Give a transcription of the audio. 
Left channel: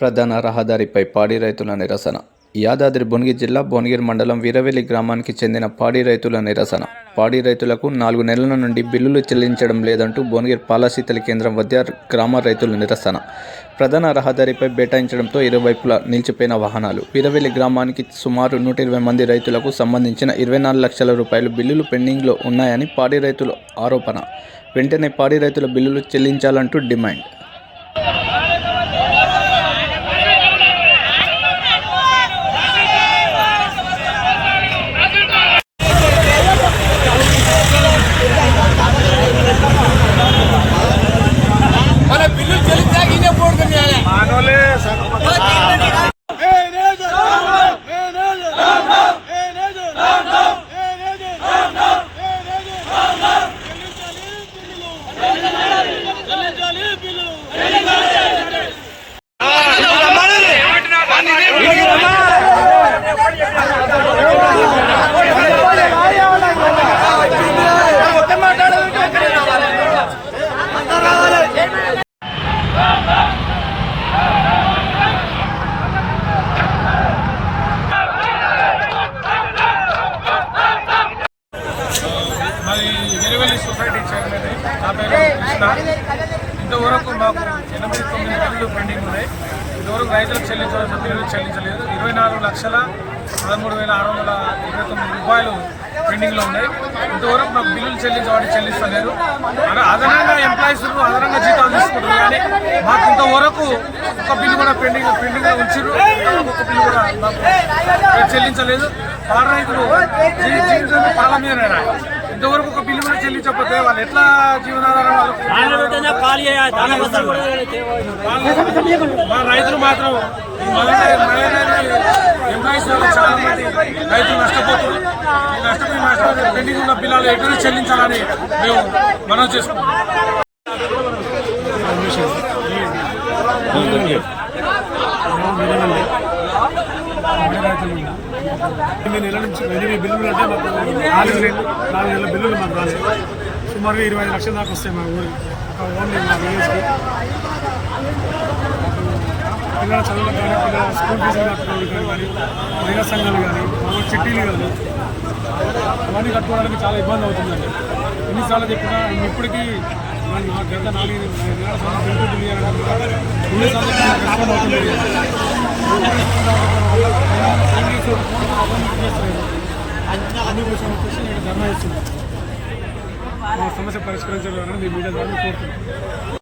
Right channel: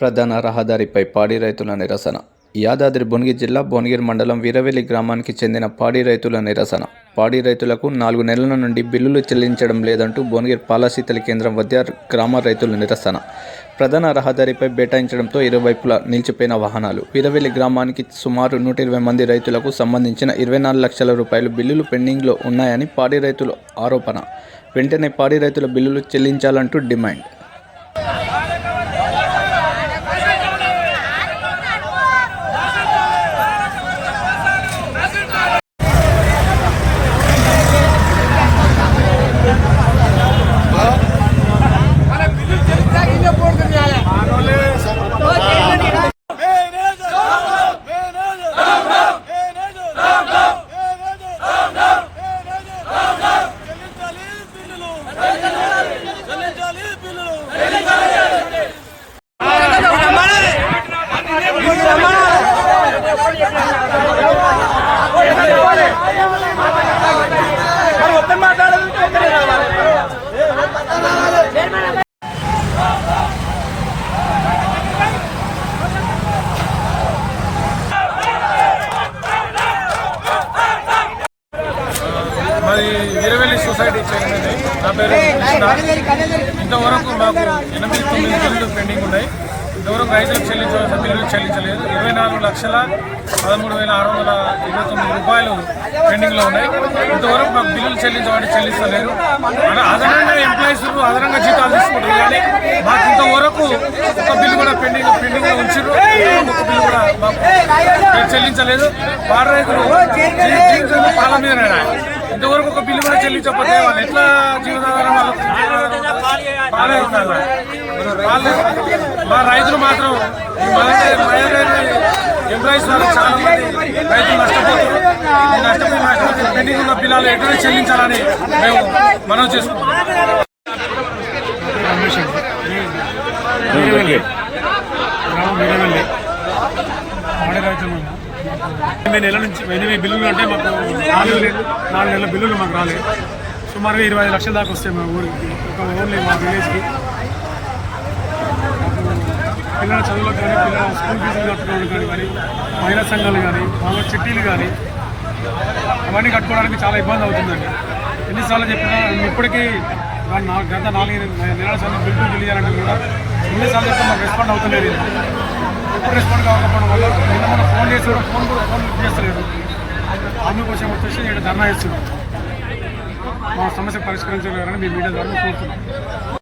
ప్రధాన రహదారిపై పాడి రైతుల నిరసన. యాదాద్రి భువనగిరి జిల్లా భువనగిరి మండలం వీరవెల్లి గ్రామానికి చెందిన పాడి రైతుల నిరసన. పాడి రైతులకు 4 నెలల నుండి బిల్లులు చెల్లించడం లేదంటూ భువనగిరి పాలశీతల కేంద్రం వద్ద గ్రామ రైతుల నిరసన. ప్రధాన రహదారిపై బైఠాయించడంతో ఇరువైపులా నిలిచిపోయిన వాహనాలు. వీరవెల్లి గ్రామానికి సుమారు 120 మంది రైతులకు సంబంధించిన 24 లక్షల రూపాయల బిల్లులు పెండింగ్లో ఉన్నాయని పాడి రైతుల ఆరోపణ. వెంటనే పాడి రైతుల బిల్లులు చెల్లించాలంటూ డిమాండ్. మాది వీరవెల్లి సొసైటీ చైర్మన్. నా పేరు కృష్ణ. ఇంతవరకు మాకు 8-9 బిల్లులు పెండింగ్ ఉన్నాయి. ఇంతవరకు రైతులకు చెల్లించాల్సిన బిల్లులు చెల్లించలేదు. 24,13,629 రూపాయలు పెండింగ్లో ఉన్నాయి. ఇంతవరకు మాకు బిల్లులు చెల్లించబడి చెల్లిస్తలేదు. అదనంగా ఎంప్లాయీస్ అదనంగా జీతాలు తీసుకుంటారు, కానీ మాకు ఇంతవరకు ఒక బిల్లు కూడా పెండింగ్లో ఉంచారు. ఒక బిల్లు కూడా మాకు చెల్లించలేదు. పాడి రైతులు జీవించడం పాల మీదనే. ఇంతవరకు ఒక బిల్లు కూడా చెల్లించకపోతే వాళ్ళు ఎట్లా జీవనాధారం, వాళ్ళకు జీవనాధారం పాలే ఉండాలి. మా రైతులు మాత్రం ఎంప్లాయీస్ వాళ్ళు చాలా మంది రైతులు నష్టపోతున్నారు. ఈ నష్టపోయిన పెండింగ్ ఉన్న బిల్లులు ఎటువంటి చెల్లించాలని మేము మనవి చేసుకుంటున్నాం. పాడి రైతులు మాకు 8 నెలల నుంచి 8 బిల్లులు అంటే మాకు 4 నెలల బిల్లులు మాకు రాలేదు. సుమారుగా 25 లక్షల దాకా వస్తాయి మా ఊరికి, ఓన్లీ మా విలేజ్కి. మాకు పిల్లల చదువులకు కానీ, పిల్లల స్కూల్ ఫీజులు కట్టుకోవడానికి కానీ, మహిళా సంఘాలు కానీ, మామూలు చిట్టీలు కానీ అవన్నీ కట్టుకోవడానికి చాలా ఇబ్బంది అవుతుందండి. ఎన్నిసార్లు చెప్పినా ఇప్పటికీ గత 4 నెలల సార్లు బిల్లు తెలియాలంటే కూడా ఎన్నిసార్లు చెప్తే మాకు రెస్పాండ్ అవుతలేదు. ఇప్పుడు రెస్పాండ్ కాకపోవడం వల్ల నిన్న ఫోన్ చేసి కూడా ఫోన్ చేస్తలేదు. అందుకోసం వచ్చేసి నేను ధర్నా చేస్తున్నాను. మా సమస్య పరిష్కరించగలరని మీ మీడియా ద్వారా కోరుతున్నాను.